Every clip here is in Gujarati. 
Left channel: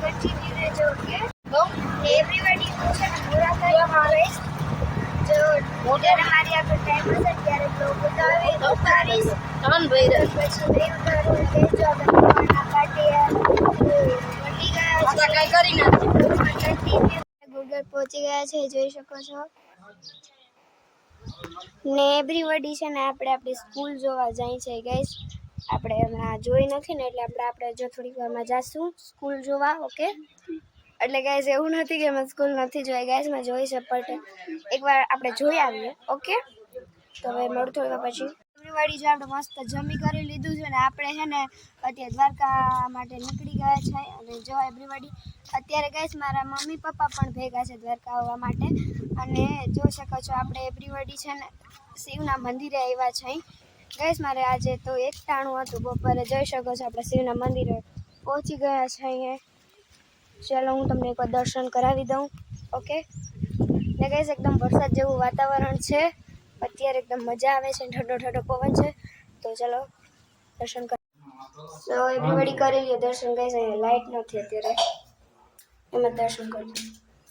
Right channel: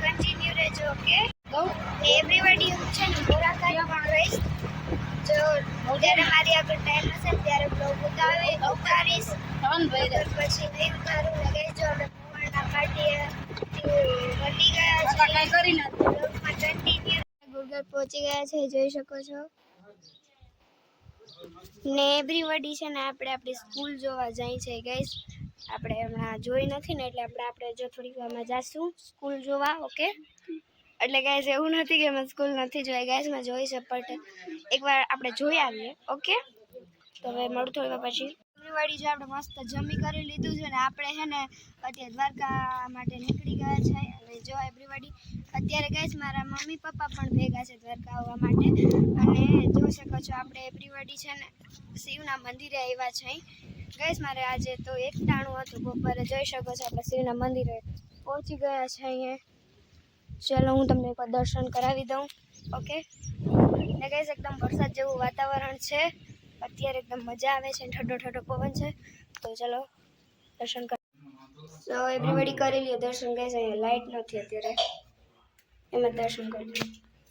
કન્ટિન્યુ રહેજો ઓકે એવરીબડી હું છે ને મુલાકાત લઈશ જો જ્યારે મારી આગળ ટાઈમ હશે ત્યારે બ્લોગ ઉતારીશ પછી નહીં ઉતારું કે જો આપણે પપ્પાના પાર્ટી પટી ગયા છે કાંઈ કરી નથી કન્ટિન્યુ ગુડગર પહોંચી ગયા છે જોઈ શકો છો ને એવરીબડી છે ને આપણે આપણી સ્કૂલ જોવા જાય છે ગાઈસ આપણે હમણાં જોઈ નથી ને એટલે આપણે જો થોડીક વારમાં જાશું સ્કૂલ જોવા ઓકે એટલે ગાઈસ એવું નથી કે મેં સ્કૂલ નથી જોઈ ગાઈસ મેં જોઈ છે બટ એકવાર આપણે જોઈ આવીએ ઓકે તો હવે મળું થોડી વાર પછી એવરીબડી જો આપણે મસ્ત જમી કરી લીધું છે ને આપણે છે ને અત્યારે દ્વારકા માટે નીકળી ગયા છે અને જો એવરીબડી અત્યારે ગાઈસ મારા મમ્મી પપ્પા પણ ભેગા છે દ્વારકા આવવા માટે અને જોઈ શકો છો આપણે એવરીબડી છે ને શિવના મંદિરે આવ્યા છે ગાઈસ મારે આજે તો એક ટાણું હતું બપોરે જોઈ શકો છો આપણે શિવના મંદિરે પહોંચી ગયા છે અહીંયા ચાલો હું તમને એકવાર દર્શન કરાવી દઉં ઓકે ને ગાઈસ એકદમ વરસાદ જેવું વાતાવરણ છે અત્યારે એકદમ મજા આવે છે ઠંડો ઠંડો પવન છે તો ચાલો દર્શન કર તો એવરીબડી કરી લ્યો દર્શન ગાઈસ અહીંયા લાઇટ નથી અત્યારે એમાં દર્શન કરજો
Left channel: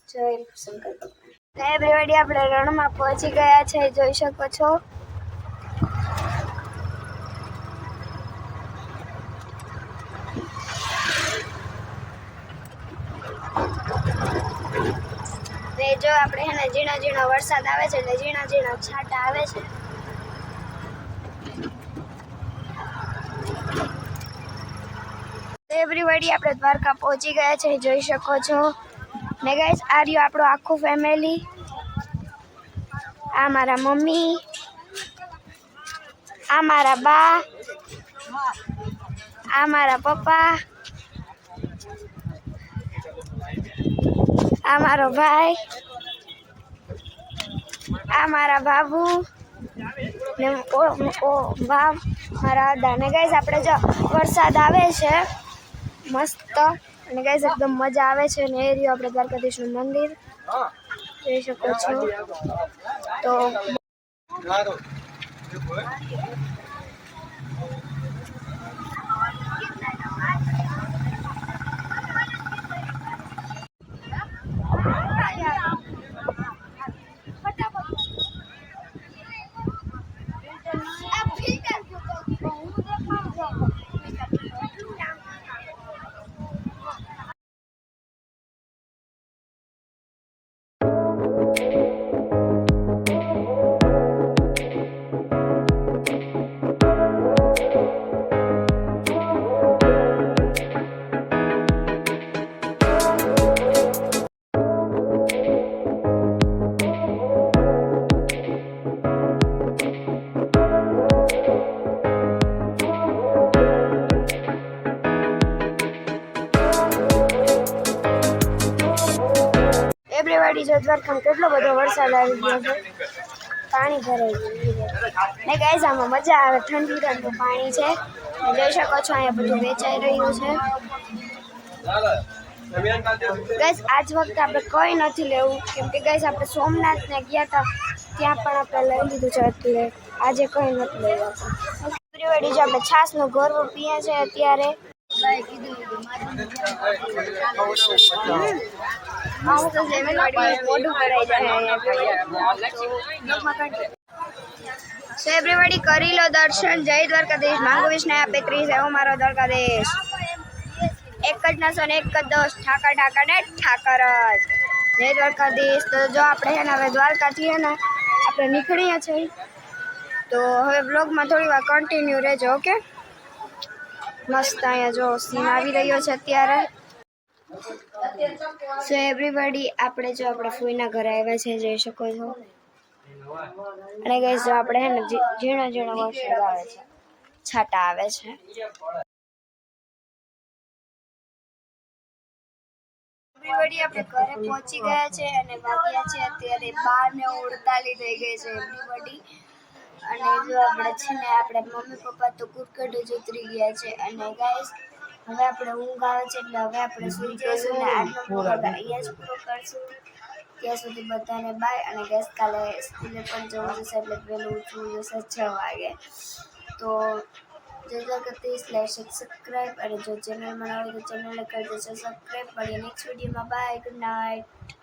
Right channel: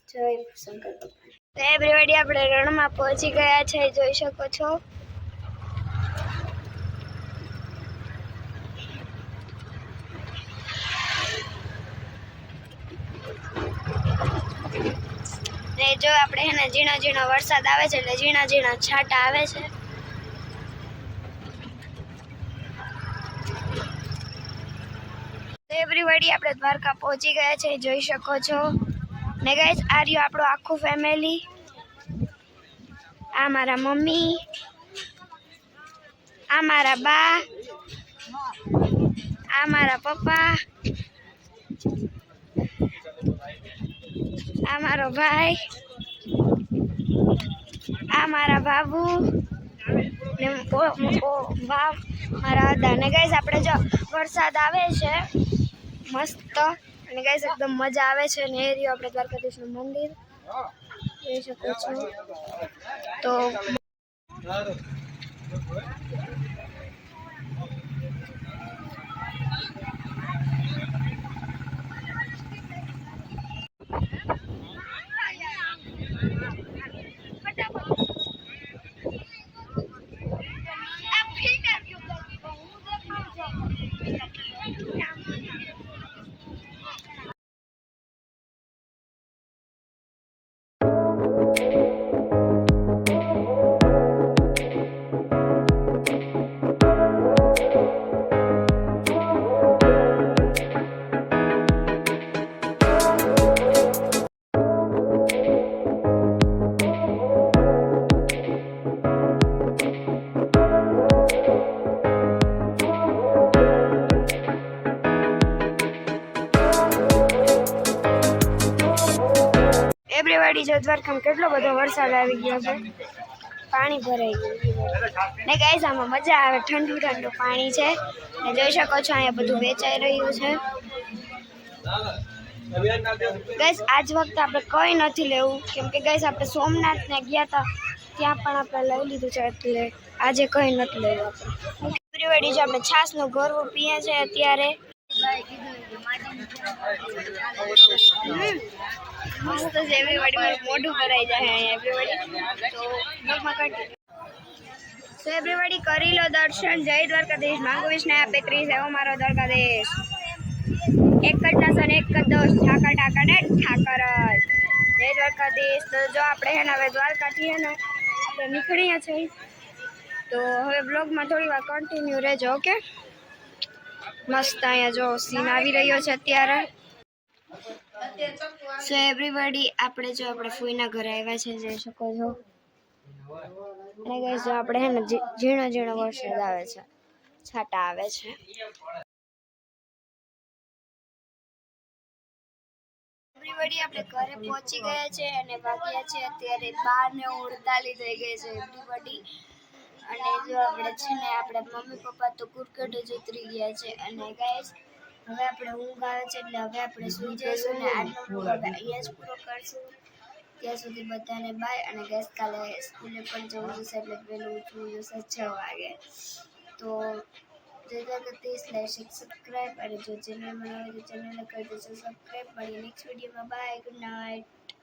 જય શંકર ભગવાન એવરીબડી આપણે રણમાં પહોંચી ગયા છે જોઈ શકો છો જો આપણે હે ને ઝીણા ઝીણા વરસાદ આવે છે એટલે ઝીણા ઝીણા છાંટા આવે છે એવરીબડી આપણે દ્વારકા પહોંચી ગયા છે જોઈ શકો છો ને ગાઈસ આ રહ્યું આપણું આખું ફેમિલી આ મારા મમ્મી આ મારા બા આ મારા પપ્પા આ મારો ભાઈ આ મારા બાબુ ને વાહ મારા દાદા ને ગાઈસ આપણે જો વરસાદ આવે છે મસ્ત અને ગાઈસ એકદમ મજા આવે છે ને એ રહ્યું આપણે દ્વારકાધીશનું મંદિર જોઈ શકો છો તો એવરીબડી જો દ્વારકામાં કેટલો બધો વરસાદ આવી ગયો છે પાણી ભરાઈ ગયું ને ગાઈસ આમાં મજા આવે ઠંડુ ઠંડુ પાણી છે ને જોઈ શકો છો અહીંયા બધું વેચાઈ રહ્યું છે ગાઈસ આજ વખતે આપણે કંઈ નથી લેવું કેમ કે ગાઈસ આપણે સોમનાથને ગયા હતા ત્યાં પણ આપણે લઈ લીધું છે એટલે આજે કંઈ નથી લેવું એવરીબડી જો આપણે છાશનું ગોરવું પીએ છે અત્યારે મસ્ત છે એવરીબડી મોઢું ભરાઈ જાય સો એવરીબડી કરી લો દર્શન જય દ્વારકાધીશ માંગુ વિષ્ણુ આપે ક્રીસ એવો મારો દ્વારકાધીશ એક જ નાસન એક જ દોષ ઠાકર ઠાકર ને ઠાકર જ જય દ્વારકાધીશ તો જો આપણે હે ને હવે દ્વારકાથી હે ને આપણે નીકળીએ છીએ તો હવે બ્લોગમાં થોડી વાર કન્ટિન્યુ રહેજો ઓકે મસ્ત અહીંયા જો સીન આવી રહ્યો છે અત્યારે સો એવરીબડી આપણે જો આપણે ફૂઈના ઘરે આવ્યા છે જોઈ શકો છો અને ગાઈસ જો આપણે હે ને ઝીણો ઝીણો વરસાદ આવે છે છાંટા આવે છે એવરીબડી આપણે ઘરે પહોંચી ગયા છે અને વાગ્યા છે અત્યારે 12:48 થઈ ગઈ છે એવરીબડી અને જો આપણે છે ને આપણે મમ્મી પપ્પા તો કુરકડે જ ઉતરી ગયા છે અને ગાઈસ હવે આપણે ઊંઘ આવે છે એટલે હવે આપણે સૂઈ જઈશું ને આજનો બ્લોગ અહીંયા જ પૂરો કરશું ત્યાં સુધી બધાને બાય અને ગાઈસ કાલે સ્કૂલે પણ જવું જશે એટલે વહેલું ઉઠવું જશે 6 વાગે તો જતા કરતી /સબસ્ક્રાઈબ અને જો ચેનલમાં ન હોય તો ચેનલને કરી દેજો સબસ્ક્રાઈબ. મળીએ નેક્સ્ટ વિડીયોમાં. Bye, good night.